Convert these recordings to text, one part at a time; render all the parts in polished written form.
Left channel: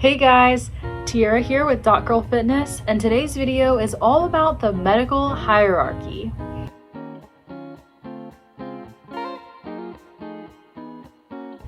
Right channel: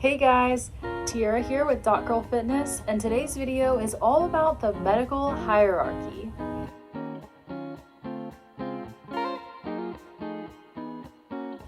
Hey guys, Tiara here with Dot Girl Fitness, and today's video is all about the medical hierarchy.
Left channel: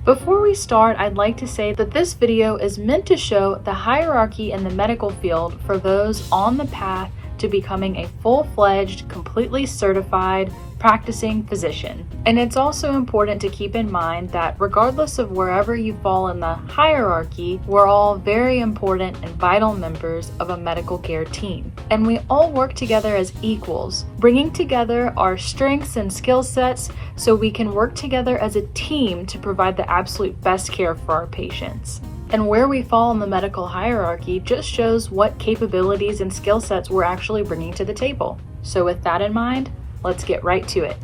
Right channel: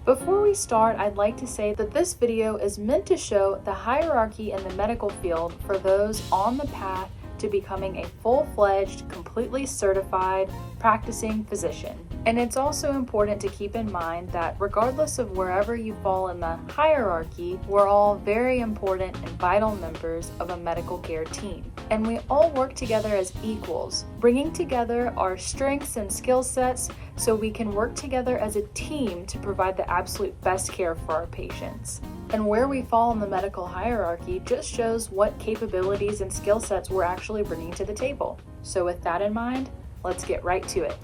Before we start, I'd like to say that this video is meant to show the hierarchy in the medical field for those on the path to becoming a full-fledged, completely certified, practicing physician. And it's also important to keep in mind that regardless of wherever you fall in the hierarchy, we're all very important and vital members of a medical care team. And we all work together as equals, bringing together our strengths and skill sets so we can work together as a team to provide the absolute best care for our patients. And where we fall in the medical hierarchy just shows what capabilities and skill sets we're actually bringing to the table. So with that in mind, let's get right to it.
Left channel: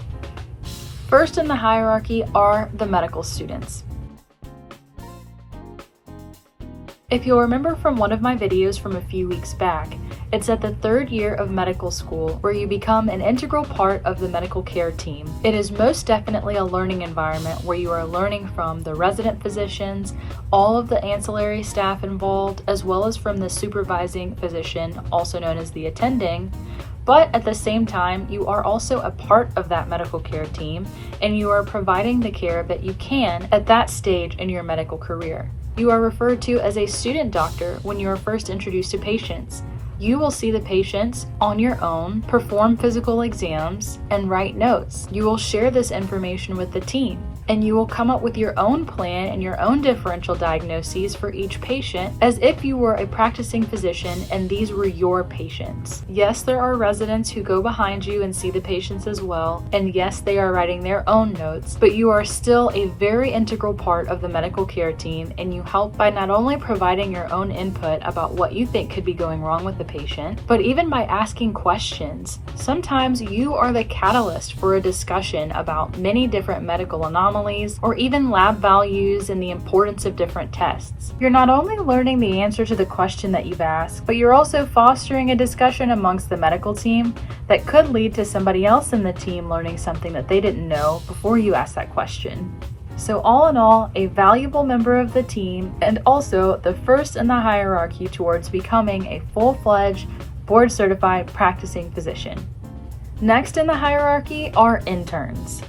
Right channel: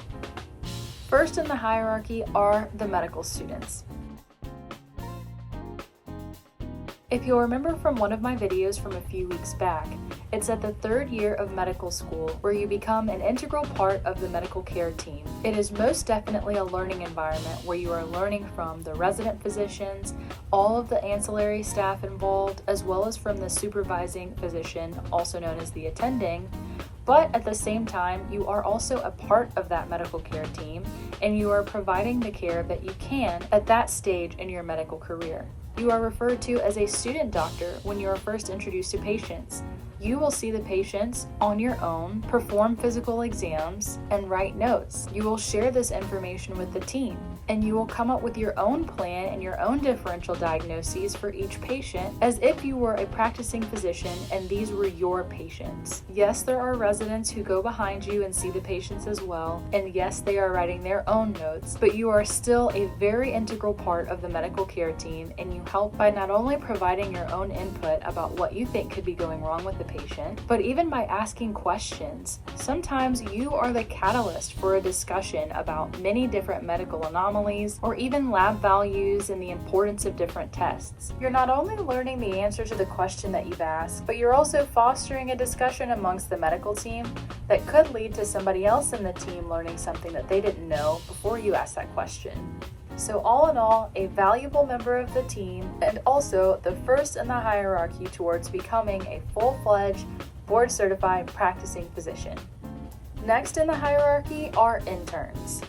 First in the hierarchy are the medical students. If you'll remember from one of my videos from a few weeks back, it's at the third year of medical school where you become an integral part of the medical care team. It is most definitely a learning environment where you are learning from the resident physicians, all of the ancillary staff involved, as well as from the supervising physician, also known as the attending. But at the same time, you are also a part of that medical care team, and you are providing the care that you can at that stage in your medical career. You are referred to as a student doctor when you are first introduced to patients. You will see the patients on your own, perform physical exams, and write notes. You will share this information with the team, and you will come up with your own plan and your own differential diagnoses for each patient as if you were a practicing physician and these were your patients. Yes, there are residents who go behind you and see the patients as well, and yes, they are writing their own notes, but you are still a very integral part of the medical care team, and you help by not only providing your own input about what you think could be going wrong with the patient, but even by asking questions. Sometimes you are the catalyst for a discussion about many different medical anomalies or even lab values and the importance of different tests. You're not only learning the answer to the question that you've asked, but you're also fostering a discussion amongst the medical team that could lead to somebody else in the team learning something that they didn't know before you asked that question. So all in all, a valuable member of the team and also the first in the hierarchy towards becoming a full-fledged, board-certified practicing physician. Next in the hierarchy are interns.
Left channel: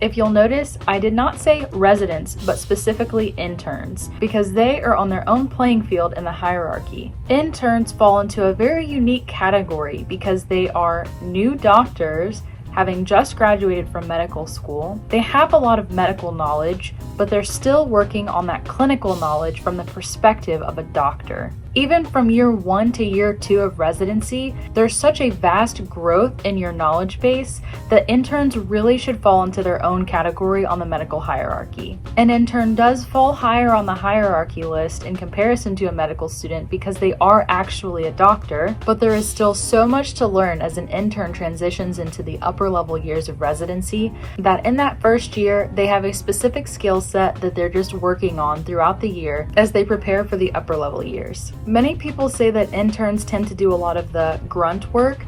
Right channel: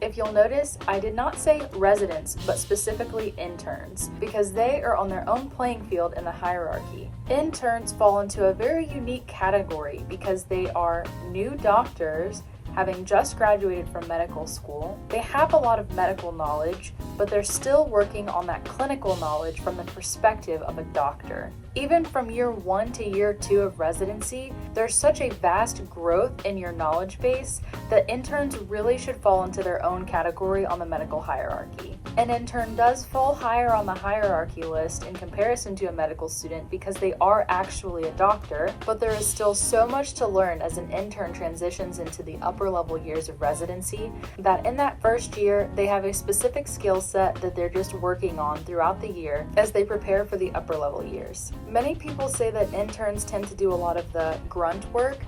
If you'll notice, I did not say residents, but specifically interns, because they are on their own playing field in the hierarchy. Interns fall into a very unique category because they are new doctors having just graduated from medical school. They have a lot of medical knowledge, but they're still working on that clinical knowledge from the perspective of a doctor. Even from year 1 to year 2 of residency, there's such a vast growth in your knowledge base that interns really should fall into their own category on the medical hierarchy. An intern does fall higher on the hierarchy list in comparison to a medical student because they are actually a doctor, but there is still so much to learn as an intern transitions into the upper level years of residency that in that first year, they have a specific skill set that they're just working on throughout the year as they prepare for the upper level years. Many people say that interns tend to do a lot of the grunt work,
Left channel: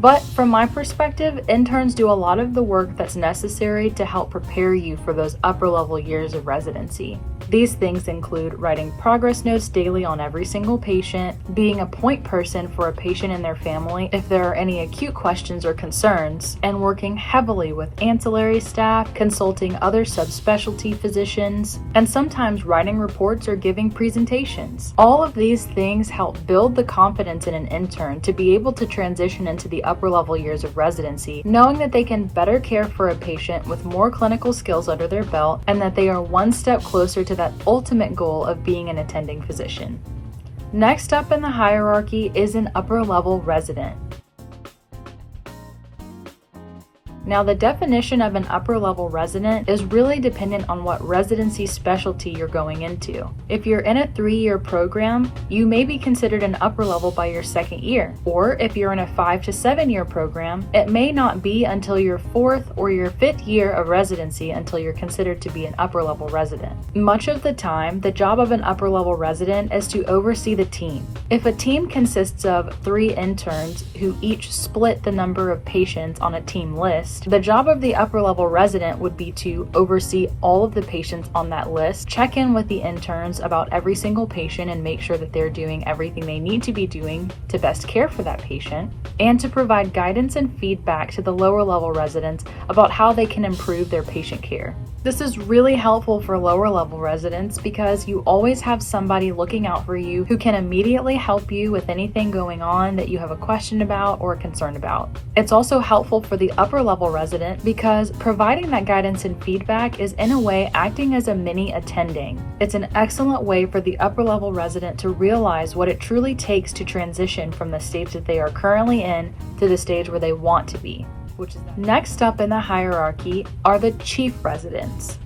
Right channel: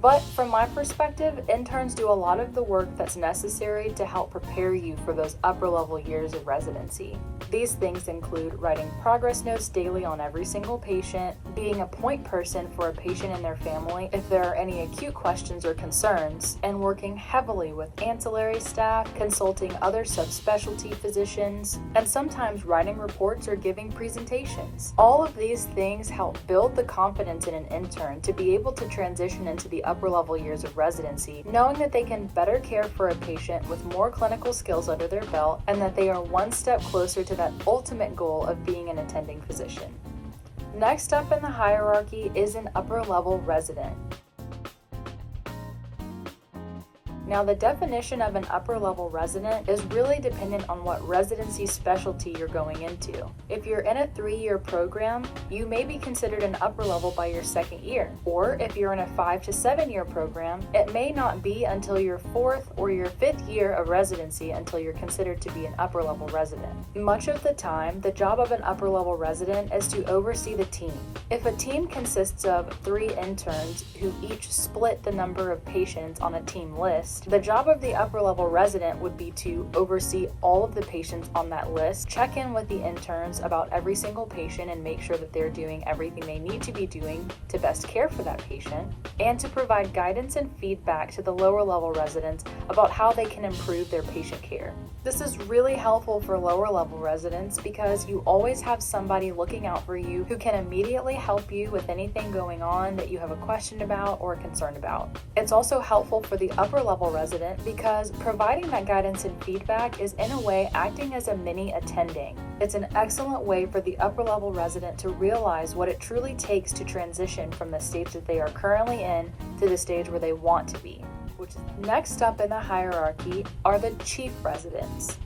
but from my perspective, interns do a lot of the work that's necessary to help prepare you for those upper level years of residency. These things include writing progress notes daily on every single patient, being a point person for a patient and their family if there are any acute questions or concerns, and working heavily with ancillary staff, consulting other subspecialty physicians, and sometimes writing reports or giving presentations. All of these things help build the confidence in an intern to be able to transition into the upper level years of residency, knowing that they can better care for a patient with more clinical skills under their belt and that they are one step closer to that ultimate goal of being an attending physician. Next up in the hierarchy is an upper level resident. Now, the definition of an upper level resident is really dependent on what residency specialty you're going into. If you're in a 3-year program, you may be considered an upper level by your 2nd year. Or if you're in a 5 to 7 year program, it may not be until your 4th or your 5th year of residency until you're considered to be an upper level resident. Much of the time, the job of an upper level resident is to oversee the team. If a team consists of 3 interns who each split the number of patients on a team list, list. The job of the upper level resident would be to oversee all of the patients on that list, check in with the interns about every single patient and make sure that they're doing everything they need to be doing to best care for that patient, and to provide guidance and feedback to the lower level residents about how they can improve their patient care. This is really helpful for lower level residents because you always have somebody looking out for you who can immediately help you with anything going on that you have a question about or a concern about. It's also helpful for the upper level resident because providing that guidance and feedback is in a way acting as a mini attending. It's an excellent way for the upper level resident to realize what it truly takes to transition from the stage that they are currently in to the stage where they want to be. Next up in the hierarchy are the chief residents.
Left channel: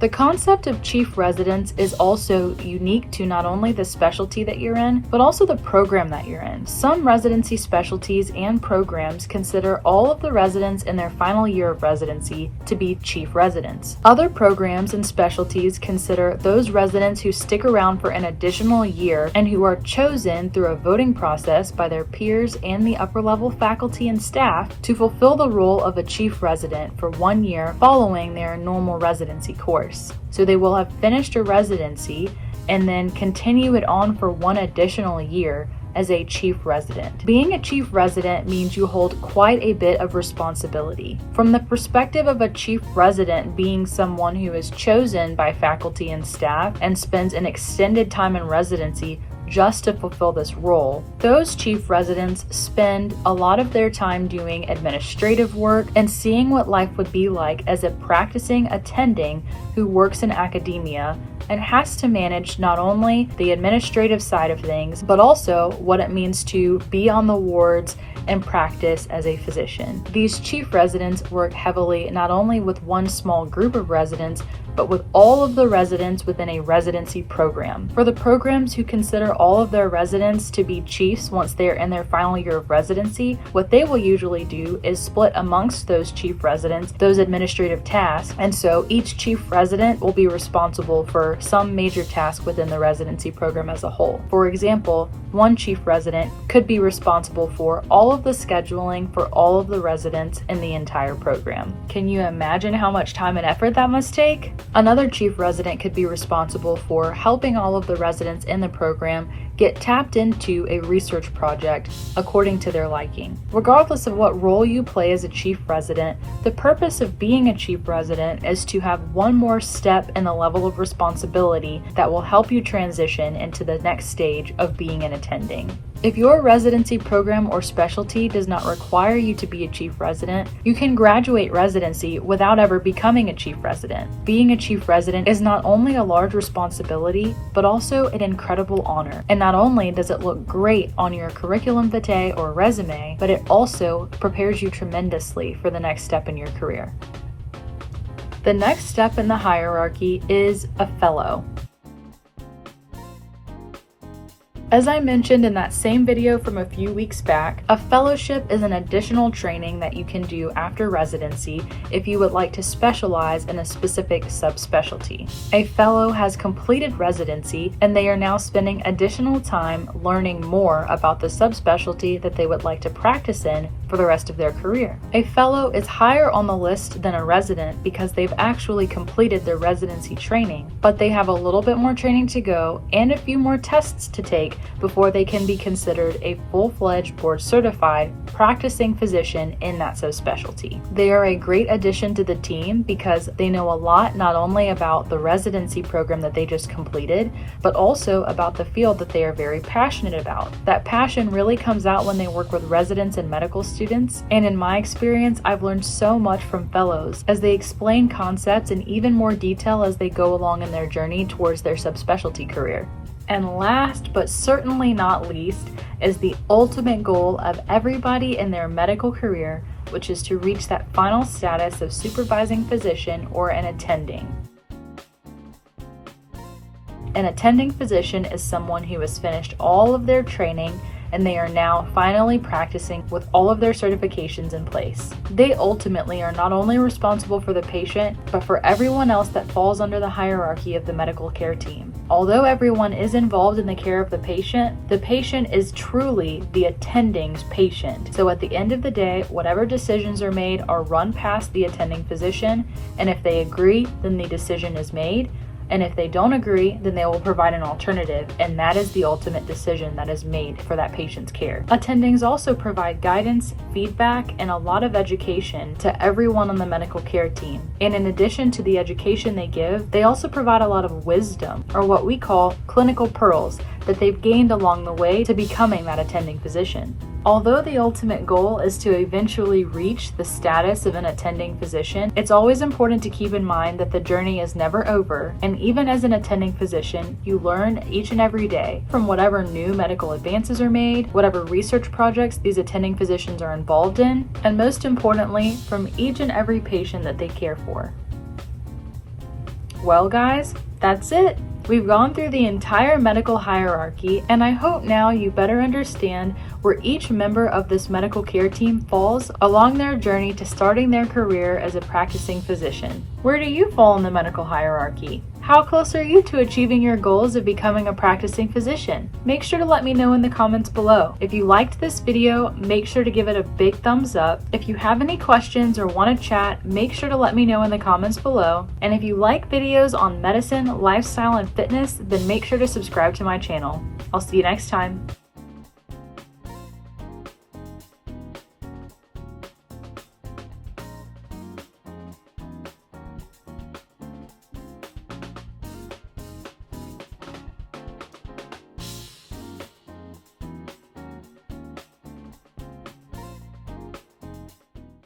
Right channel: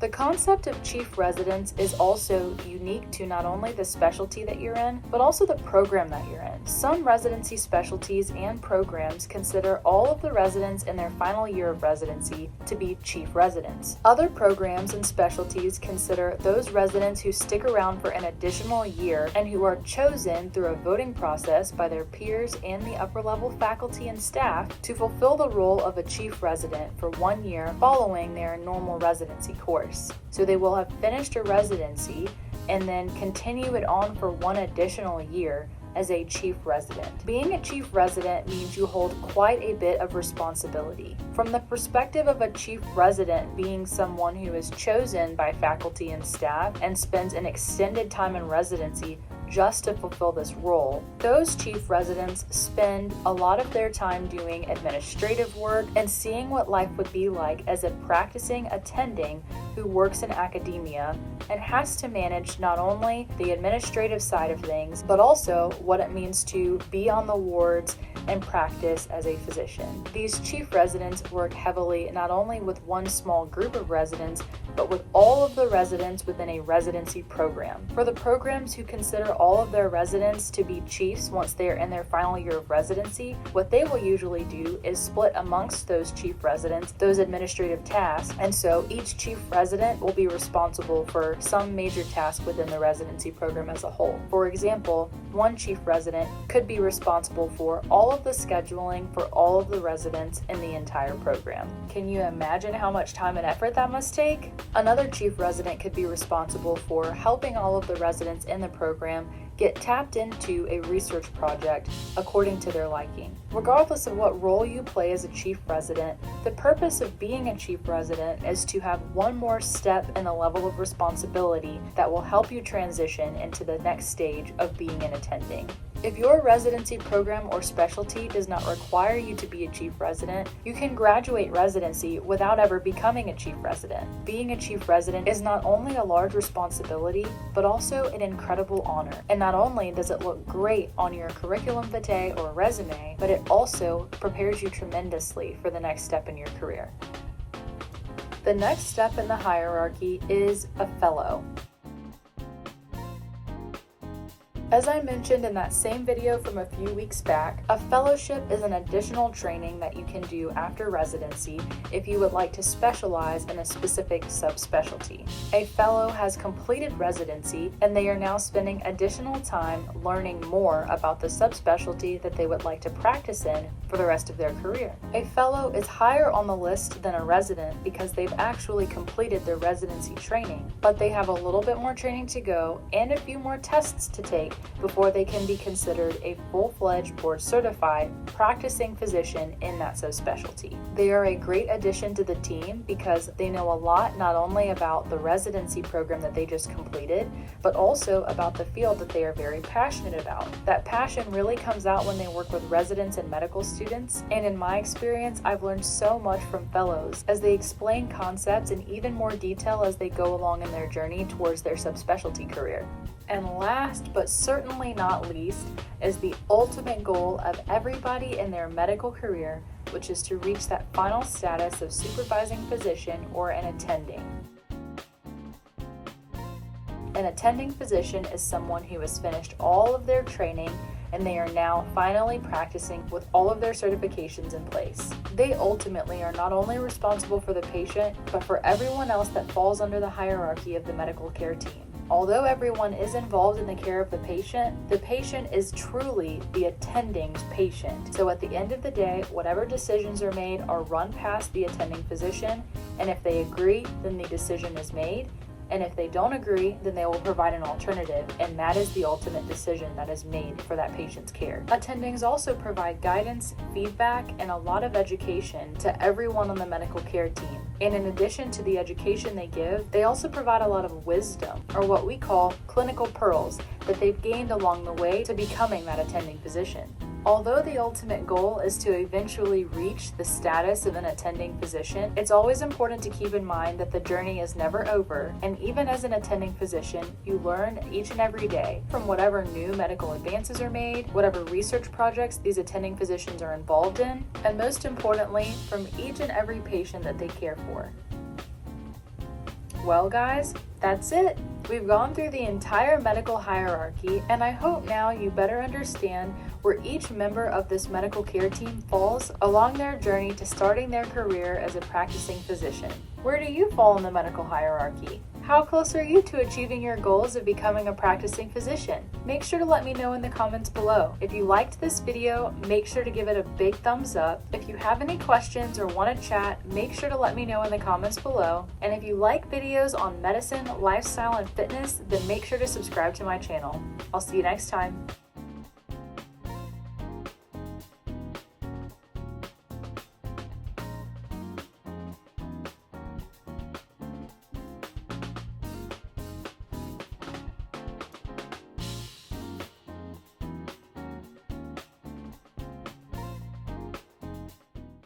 The concept of chief residents is also unique to not only the specialty that you're in, but also the program that you're in. Some residency specialties and programs consider all of the residents in their final year of residency to be chief residents. Other programs and specialties consider those residents who stick around for an additional year and who are chosen through a voting process by their peers and the upper level faculty and staff to fulfill the role of a chief resident for 1 year following their normal residency course. So they will have finished a residency and then continue it on for 1 additional year as a chief resident. Being a chief resident means you hold quite a bit of responsibility. From the perspective of a chief resident being someone who is chosen by faculty and staff and spends an extended time in residency just to fulfill this role, those chief residents spend a lot of their time doing administrative work and seeing what life would be like as a practicing attending who works in academia and has to manage not only the administrative side of things, but also what it means to be on the wards and practice as a physician. These chief residents work heavily not only with one small group of residents, but with all of the residents within a residency program. For the programs who consider all of their residents to be chiefs once they are in their final year of residency, what they will usually do is split amongst those chief residents those administrative tasks, and so each chief resident will be responsible for some major task within the residency program as a whole. For example, one chief resident could be responsible for all of the scheduling for all of the residents in the entire program. Can you imagine how much time and effort that must take? Another chief resident could be responsible for helping all of the residents in the program get tapped into a research project according to their liking. Regardless of what role you play as a chief resident, the purpose of being a chief resident is to have one more step in the level of responsibility that will help you transition into the next stage of being an attending. If your residency program or specialty does not require you to be a chief resident, you can graduate residency without ever becoming a chief resident. Being a chief resident is not only a large responsibility, but also an incredible honor. And not only does it look great on your curriculum vitae or resume, but it also prepares you tremendously for the next step in your career. The next step in the hierarchy is a fellow. As I mentioned in that same video from a few weeks back, a fellowship is an additional training that you can do after residency if you would like to specialize in a specific subspecialty. A fellow has completed residency and they are now spending additional time learning more about the subspecialty that they would like to practice in for the rest of their career. A fellow is higher on the list than a resident because they've actually completed their residency training, but they have a little bit more training to go and a few more tests to take before they can be considered a full-fledged board-certified practicing physician in that subspecialty. They are a great addition to the team because they know a lot not only about the residency program that they just completed, but also about the field that they are very passionate about. That passion really comes out when they work with residents and medical students, and in my experience, I've learned so much from fellows as they explain concepts in even more detail as they go along in their journey towards their subspecialty career. And last but certainly not least is the ultimate goal of everybody in their medical career, which is to reach that final status of supervising physician or an attending. An attending physician is someone who has finished all of their training and they are now finally practicing with all of their certifications in place. They ultimately are not only responsible for the patient, but for everyone else that falls under the hierarchy of the medical care team. Although everyone is involved in the care of the patient is truly the attending's patient. So at the end of the day, whatever decisions are made are run past the attending physician, and if they agree, then the decision is made. And if they don't agree, then they will provide an alternative, and that is the ultimate decision that is made for that patient's care. Attendings also provide guidance, feedback, and a lot of education to everyone on the medical care team. And in addition to the education they give, they also provide a lot of wisdom, or what we call clinical pearls, that they've gained along the way to becoming that attending physician. Although the ultimate goal is to eventually reach the status of an attending physician, it's always important to keep in mind that the journey is never over, and even as an attending physician, you learn each and every day from whatever new medical advances are made, whatever research projects these attending physicians are involved in, and most importantly, from each and every patient that they care for. Well guys, that's it. We've gone through the entire medical hierarchy, and I hope now you better understand where each member of this medical care team falls along their journey to starting their career as a practicing physician. Where do you fall in the medical hierarchy? How close are you to achieving your goals of becoming a practicing physician? Make sure to let me know in the comments below. If you liked this video, make sure to give it a big thumbs up. If you have any questions or want to chat, make sure to let me know in the comments below. And if you like videos on medicine, lifestyle, and fitness, then make sure to subscribe to my channel. I'll see you next time.